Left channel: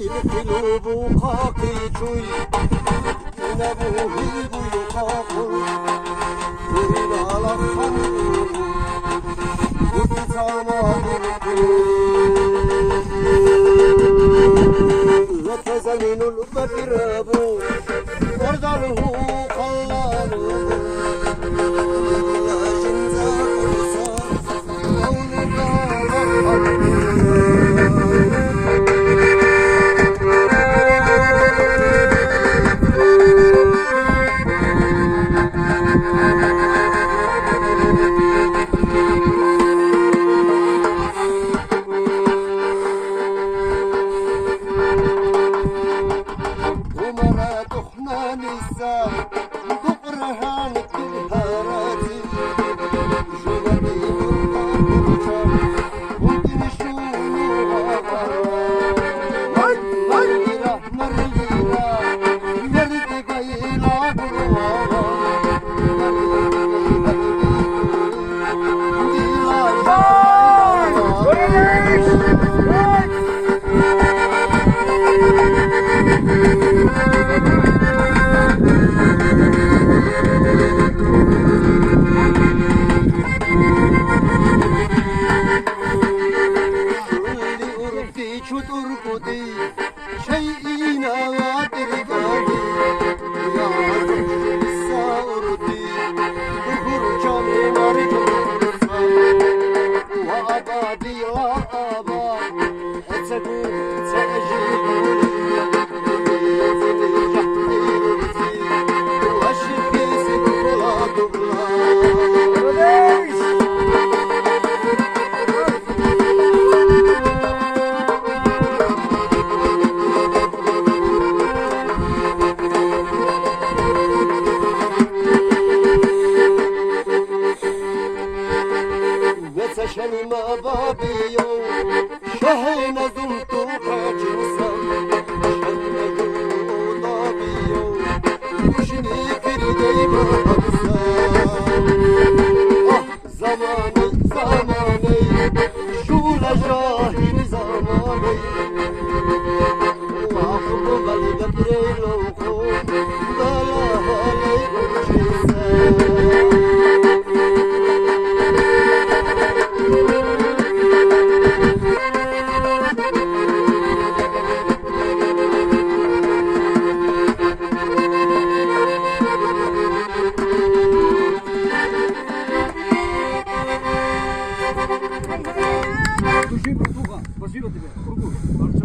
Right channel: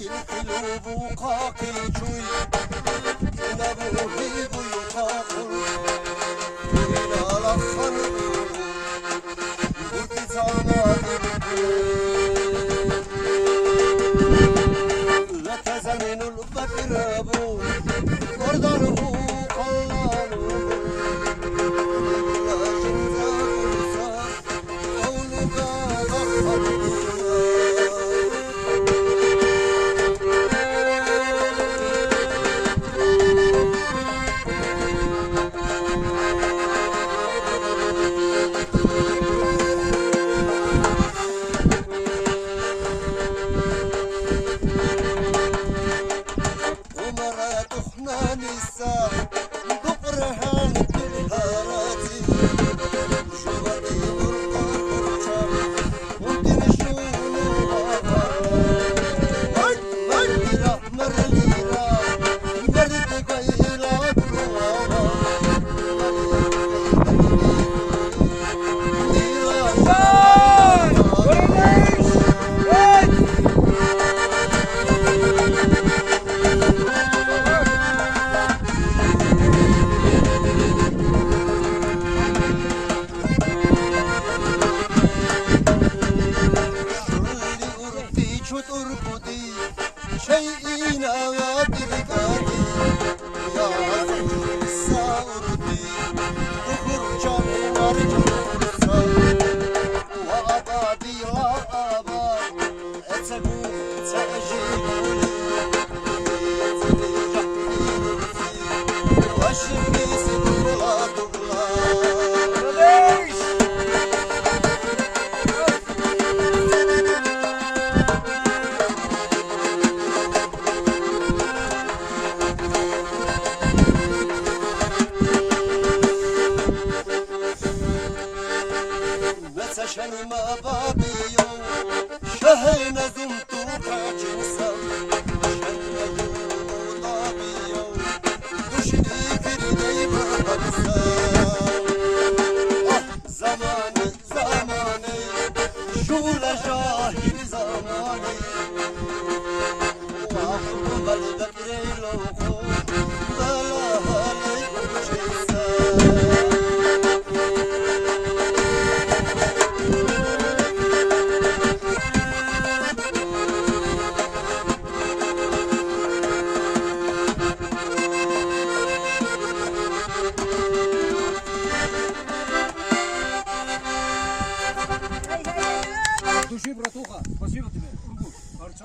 القلوب وقاك الجوي نبوه يقاقل وإلى الخمر يتزمن البكراب وردره قلال لا جنزا قرصا أو نقال شلما بابيو شهينا زمتو كاجنسا شلما بابيو وشني كردي بابسا زماني زماني شولا جاهل زماني وعفو بلدك ريلوكو لا لا هالي وجيسا Спасибо тебе.